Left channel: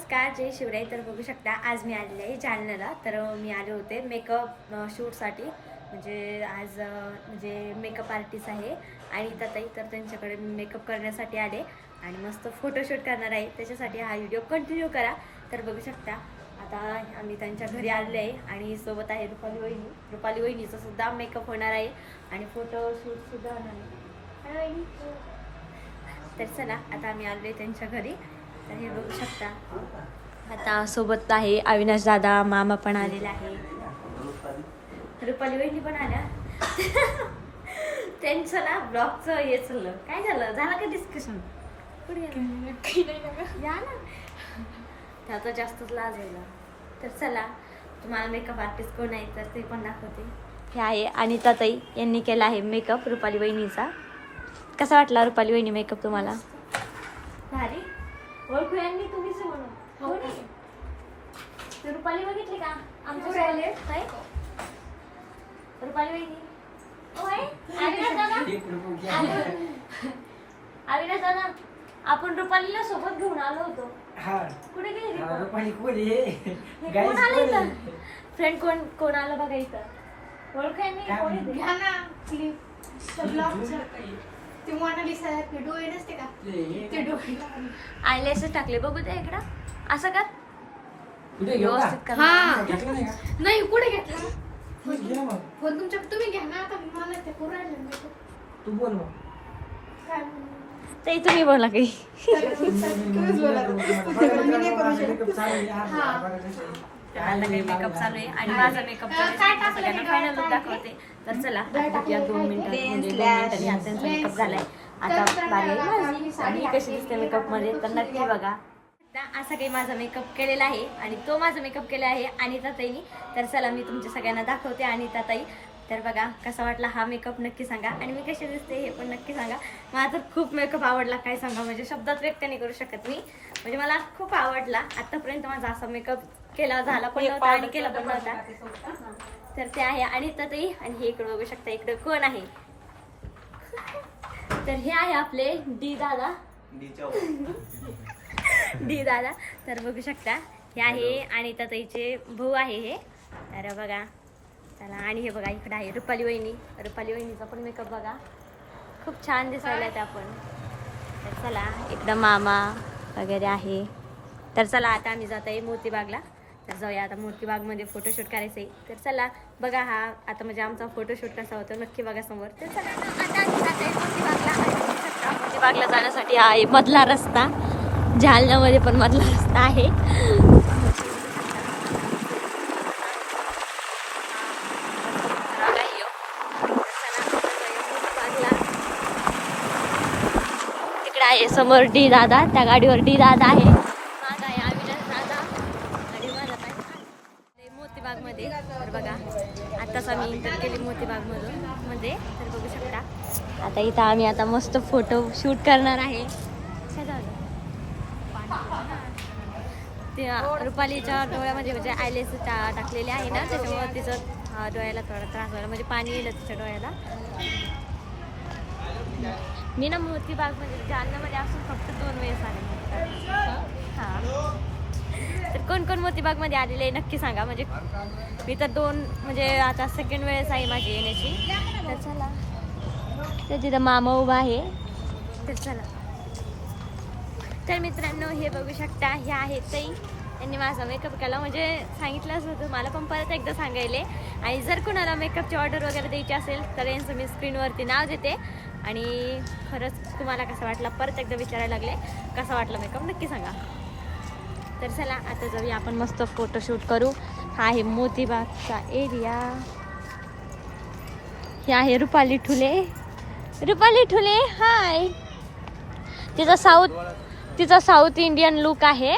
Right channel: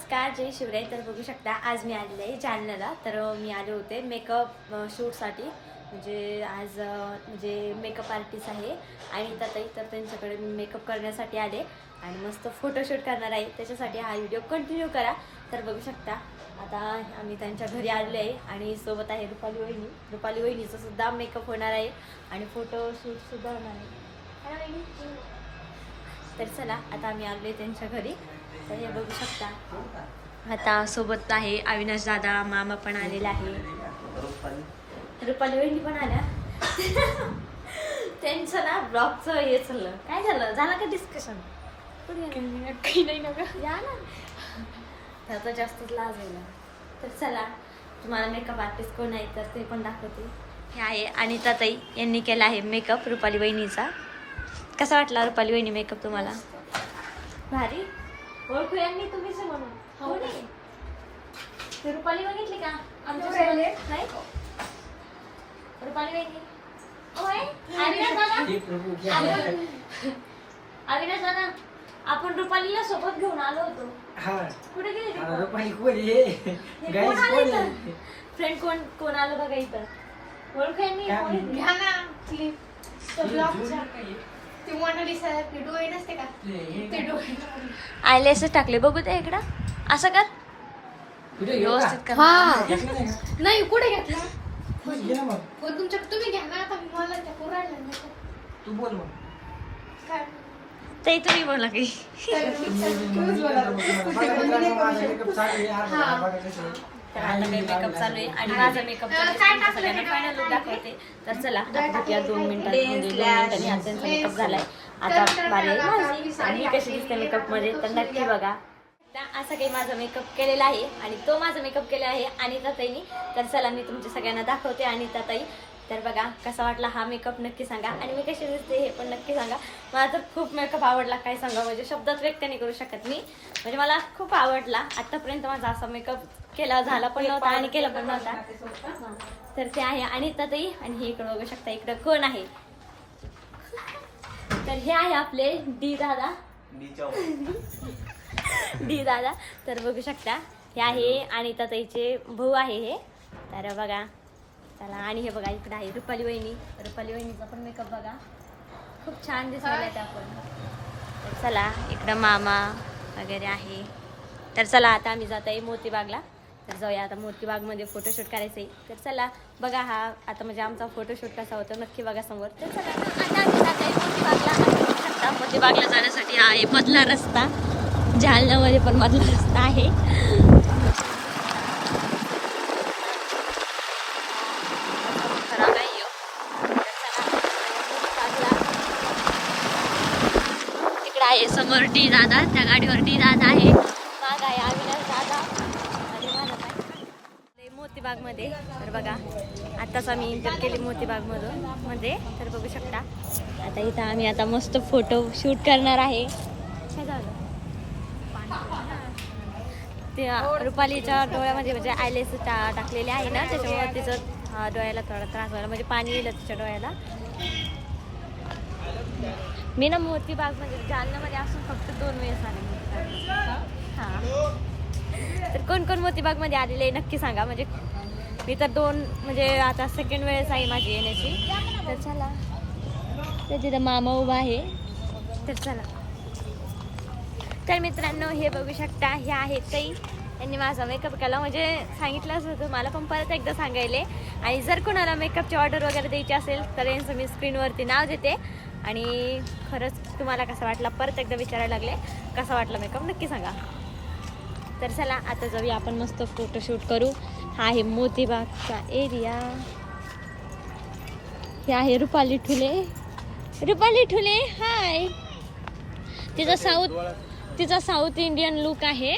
नमस्कार जय शिवराय. तर बघू शकता आज मी आलेले आहे जालन्याला. तर मी आले होते मेकअप शूटसाठी. म्हणजे आज म्हणजे मेकअप आर्टिस्ट आहे. आणि ताई तर त्यांच्याकडे मी मेकअप करण्यासाठी आले. आणि मस्त फोटोशूट करणार आहे. त्याच्यासाठी हा व्हिडिओ कंटिन्यू करा. तर बघू शकता आता आम्ही त्यांच्या घरी आलेलो आहे. आणि सोबत आहे रुपाली वहिनी. रुपाली वहिनीचं सुद्धा मेकअप होणार आहे. आणि फोटोशूटसुद्धा होणार आहे. तर चला आता आम्ही आलो आहे त्यांच्या घरी. तर हे बघू शकता. आता सोबत आहे अविनाश दादा मामा पण आलेला आहे. रुपाली वहिनी पण आल्या. त्यांचं ना ब्लॉगचं हे चाललं. काय झालं? झालं का डिस्कशन? या ना. त्याचा जास्तच लाज आहे तर चला तुम्हाला मेकअप आर्टिस्ट कोण आहे तर ते पण दाखवते. हे आहे अनिता ताई. यांनी केला आहे मेकअप रुपाली वहिनीचा. कसा वाटला रुपाली वहिनी मेकअप तुम्हाला? भारी? ओळखू यांनी तुम्हीच आहे म्हणून. हो नाही ते रुपाली बघितली का? आमच्यासोबत आहे रुपाली ओ आहे अविनाश दादा. आपण- अविनाश दादा. आपण रुपालीला सोबत घेऊन आलो होतो. हा. कुठे गेली हा, रुपाली कोण? हे आलं इथं? फ्रेंड कोण कोण आलं बघा इथं? ओळख यांनी काय कोण म्हणते? येते? घ्या ना आयलॅशेस टाकले. बघू ते इकडं. असं कर? व्यवस्थित कर. हा. नाही का? नाही कुठे घेतला. फोन तुमच्या तुम्ही घ्या ना आता मला ते पोरायला तू बोल ते तुम्ही बोला काही. आता काही मेकअप चालू आहे आणि माझा मेकअप चालू आहे. तुमच्या सगळ्यांना फायनल लुक दाखवते. तर चला बघूया दोन मिनिटात म्हणजे दोन मिनिटांनी आता त्यांचा मेकअप झालाय. आता बारी आहे माझी. आणि कशी दिसते मेकअपमध्ये तर नक्की बघा. असा काही माझा मेकअप केलेला आहे आणि तो माझा मेकअप केला आहे अनिता ताईनी तर चला मी तुमच्या सगळ्यांना दाखवते अनिता ताई तर बघा कसा वाटला हा मेकअप नक्की सांगा. आणि मी कशी दिसते हे पण नक्की सांगा. मला तर खूप मेकअप आवडला काय सांगा म्हणजे शब्दात व्यक्त नाही करू शकत मी. म्हणजे मला खूप आवडला. आत्तापर्यंत माझा असा मेकअप केला झाला पण नव्हता आणि केला पण नव्हता. तर ते आहे अनिता ताई आणि हे इकडे बघू शकता इकडं कोण आहे? तर हे आहे आपले डी दादा. डी दादा. तर बघू शकता हे आहे अनिता ताईचे भाऊ आहे हे. तर बघा चला आणि हे बघा इकडे आहे रुपाली वहिनी. रुपाली वहिनीचा पण मेकअप बघा. खूप छान दिसायला त्या पण तर चला इकडं मामा वगैरे आहे. तर चला आता आम्ही जात आहे मोतीबागला. तर जाऊया आता मोतीबागमध्ये फोटोशूट करायचं आहे तर चला बघा हा आता म्हणजे आमचा फोटोशूट कसा होतो नक्की बघा समोर. तर चला आता आम्ही जात आहे मोतीबागला जाण्यासाठी हा आहे मधला रस्ता. जालन्यामध्ये पण मधला रस्ता आहे. तिकडे आहे समोर डी दादा त्या गाडीवर डी दादा आहे अविनाश दादा आणि माझा ताई. ते होते. तर बघा आत्ताच आम्ही इंटर केली मोतीबागमधून म्हणजे तर बघू शकता. आता इथं आम्ही आता मस्त फोटो शूट करणार आहे. काय झालं ते रुपालीच्या डोळ्यामध्ये म्हणजे आयलेस टा टाकलेले आहे ना त्याच्यामुळे तिचं डोळ्याला थोडा त्रास झाला. म्हणजे पाणी येईल तिच्या डोळ्याला. मी ना मोतीबाग म्हणजे जालन्यामध्ये असून फक्त दोन वेळेस आले. हा. तर कोण कोण मोतीबागमध्ये मध्ये आलेले आहे नक्की सांगा. म्हणजे मी तर दोन म्हणजे आता सेकंड वेळेस आहे माझी येण्याची. तर चला. तर तिथं मामा उभा आहे. तर चला. तर मित्रांनो हे बघू शकता हे आहेत ताई. यांनी माझा मेकअप केला. म्हणजे सांगितलंच होतं मला पण परत एकदा सांगायले. आणि जर कोणाला मेकअपची ऑर्डर वगैरे द्यायची असेल तर यांचं मी स्क्रीनवरती नाव देते. आणि खरंच तुम्हाला कसा वाटला परत एकदा विचारायला लागले. कसा वाटला मेकअप नक्की सांगा. तर चला आता जाऊया आपण मस्त फोटोशूट करू. हा आहे मोतीबागचा एरिया हे आहे रुपाली ठुले. रुपाली ठुले हाय तिचा साऊथ तिचा साऊथ इंडियन लुक आहे.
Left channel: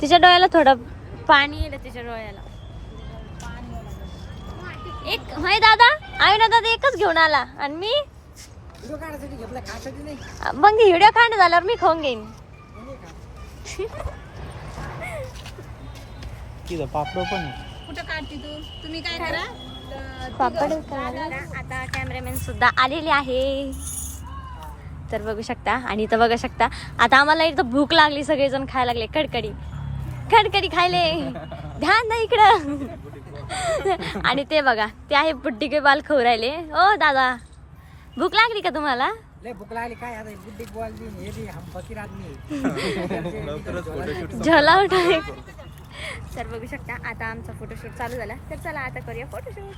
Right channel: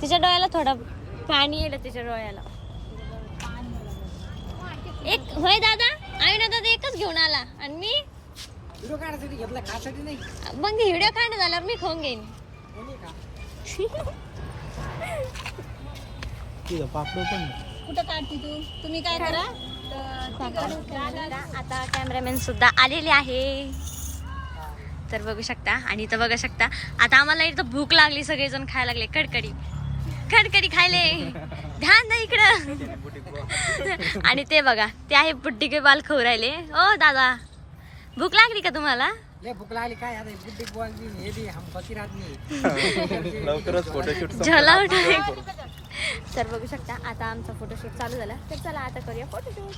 तिच्या डोळ्याला थोडं पाणी येईल तिच्या डोळ्याला. एक होय दादा? आहे ना दादा एकच घेऊन आला. आणि मी? मग व्हिडिओ काढणं झाल्यावर मी खाऊन घेईन? तिथं पापड पण. कुठं काढते तू? तुम्ही काय करा? पापड. आता कॅमेरामॅन सुद्धा आलेले आहे. तर बघू शकता आणि इथं बघू शकता आता आम्हाला इथं भूक लागली सगळेजण खायला लागले. कडकडी कडकडी खायले. ध्यान नाही इकडं. आणि ते बघा ते आहे बुड्डी के बाल खाऊ राहिले. ओ दादा. भूक लागली का तुम्हाला? लय भूक लागली काय आता बुड्डी बॉल बी हे बी हम फकीर आदमी झला उठाय तर बघू शकता आता आमचा फोटोशूट चालू झाला. तर चला आता करूया फोटोशूट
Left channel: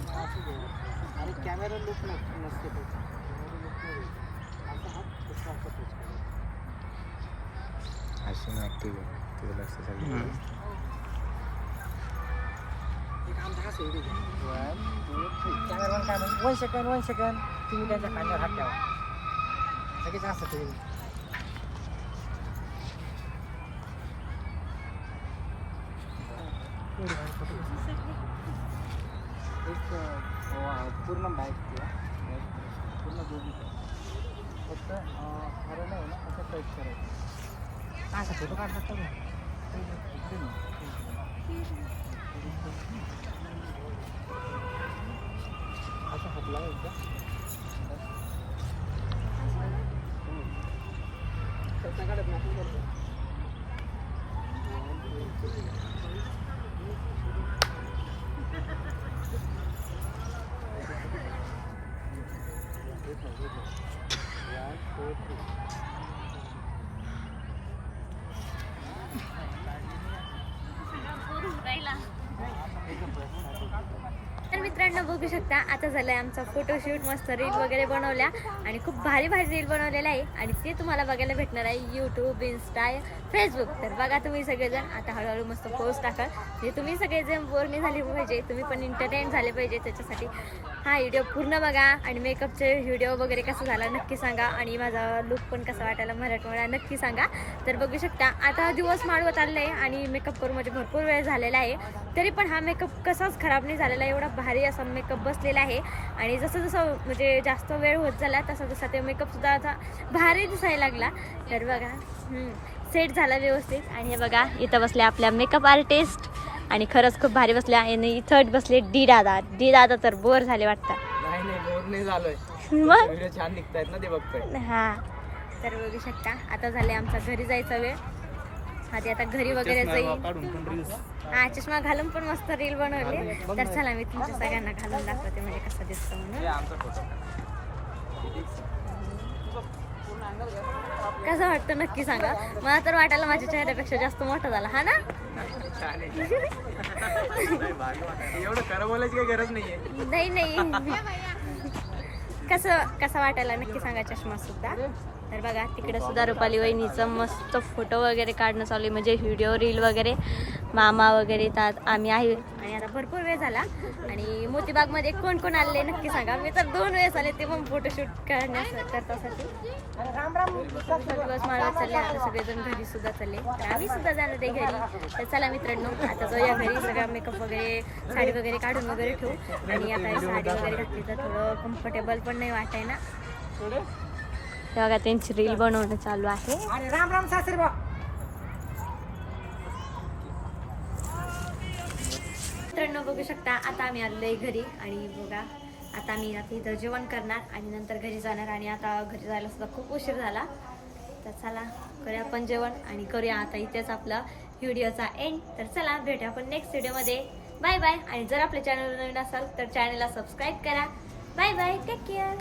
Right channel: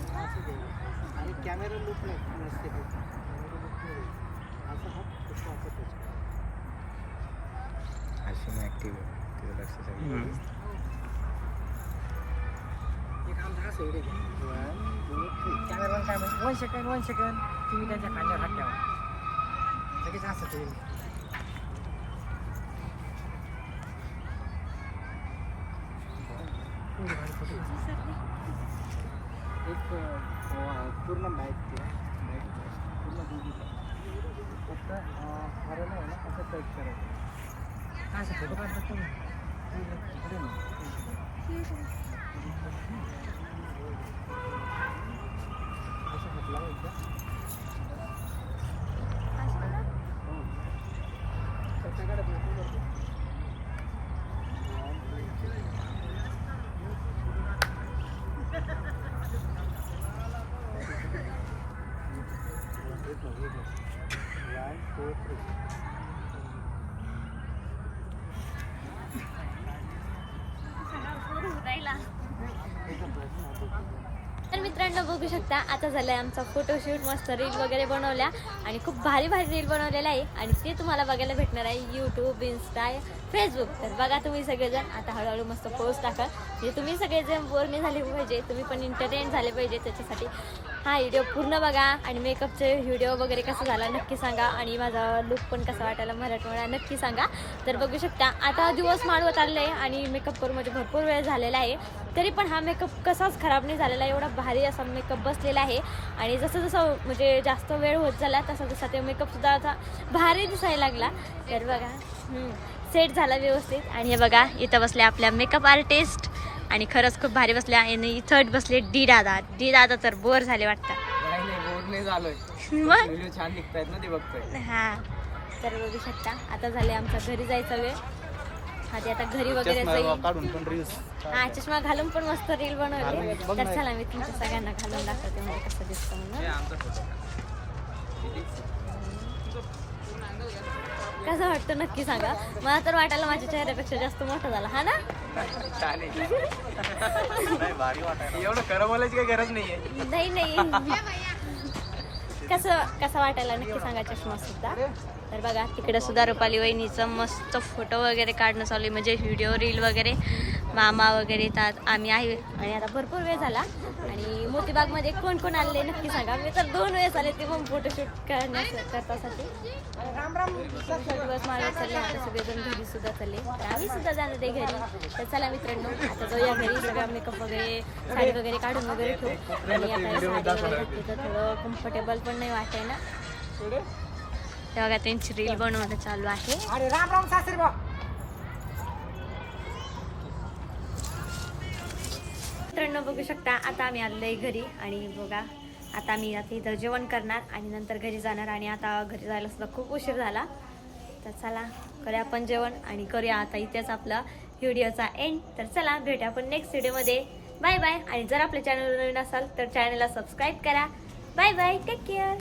अरे कॅमेरा लुक नसते ते मग ऍक्टिव्ह आहे तुझं लक्ष सगळं एक आमचा हा सोडू दे. One, two, three. कॅमेरामॅन काय म्हणतो वन सेकंड वन सेकंड तुम्ही त्यांच्या खांद्यावर हात ठेवा लगेच असं तुम्ही एक अं, पूर्ण बॅग किंवा बॅग पूर्ण दोघी फक्त हरण आहे ना असं टच करायचं असं थोडं काढलं तुम्ही इकडे नाही. असं हात लावायचा हो. त्याच्याकडे नाही करतो. One, two, three. One, two, three. एकदम बस. हा, तो, तो, तो. तर मित्रांनो बघू शकता आता झालंय आमचा फोटोशूट मस्त रील वगैरे बनवल्या आणि खूप भारी भारी रील बनवलेल्या आहे. आणि ते तुम्हाला बघायला भेटणार आहे यूट्यूब इन्स्टा फेसबुक तर बघा तुम्ही सगळेजण आता हळूहळू मस्त पोस्ट टाकाल. म्हणजे तुम्ही सगळेजण बोर नाही झाले पाहिजे तुम्ही पण इंटरटेन झाले पाहिजे त्याच्यासाठी. हा व्हिडिओ पूर्ण बघा आणि मेकअपचे व्हिडिओ वगैरे कसा झाला नक्की सांगा आणि माझा लुक पण कसा वाटायला मराठवाडा नक्की सांगा. तर बघू शकता आता दिवस माळवत आलेला आहे आणि मेकअप करून म्हणजे भरपूर वेळ झालेला आहे. तरी पण हा मेकअप कसाच खराब नाही झालेला एवढा भारी असा मेकअप बसलेला आहे. आणि जसं जसं म्हणजे जास्त वेळ होत झाला तसा तसा ते मेकअपसुद्धा आता भारी दिसायला लागला. तर बघा सेट झाला व्यवस्थित. आणि हे बघा इथं बसल्या आपल्या मेकअप आर्टिस्ट आणि खरंच खूप भारी बसल्या आणि इथं बसले डी दादा. डी दादा तर बोर झाले वाटतं. नाही नाही बोर नाही झालोय. मग? व्हिडिओ छान निघतायत ना ते बघतोय. हा. तर बघू शकता. आता झाले आमचा घरी जायचा वेळ. आधी आता घरी वगैरे जाईल हा चष्मा घालून पण मस्त रील बनवली. तर चला मी तुमच्या सगळ्यांना घालून दाखवते म्हणजे कसं दिसतं म्हणून. कसं वाटतं नक्की सांगा. मला तर वाटायला माझ्या चेहऱ्यापेक्षा जास्त मोठा झाला. हा ना? एवढं खरं काही गरज नाहीये. नाही नाही. कसं कसं वाटायला नक्की सांगा चष्मा सुद्धा. तर बघा तिकडे सुद्धा रुपाली वहिनीचं मस्त फोटो वगैरे काढणं चालू आहे. म्हणजे व्हिडिओ रील वगैरे मामा वगैरे येतात. आम्ही आहे. आणि आता भरपूर वेळ झाला. आणि मोतीबागमध्ये कोण कोण आले नक्की सांगा. मी तर दोन वेळेस आले ते पण फोटोशूट करण्यास करतासाठी. दिवस माळवत चालले आता सगळेजण घरी सुद्धा चालले. तर आम्ही सुद्धा जाणार आहे घरी. तर चला मित्रांनो आता जाऊया घरी. सगळा मेकअप वगैरे साडी वगैरे काढून वगैरे ठेवू. आणि आता साडी वगैरे घातली तर थोडं कम्फर्टेबल पण नाही वाटाय ना. ते बघा त्यांची रील बनवणं चालू आहे. राम राम सासरे बा मित्रांनो बघू शकता आता आम्ही आलोय घरी. आणि बघा आता मी आता इथं जेवण करणार आणि नंतर घरी जाणार आणि आता घरी जायला सुद्धा खूप उशीर झाला. तर चला करूया आपण जेवण आणि करूया आता इथेच आपला व्हिडिओचा एंड तर चला भेटूया आपण नेक्स्ट व्हिडिओमध्ये बाय बाय आणि जर आपल्या चॅनल नवीन असाल तर चॅनलला सबस्क्राईब करा. Bye bye take care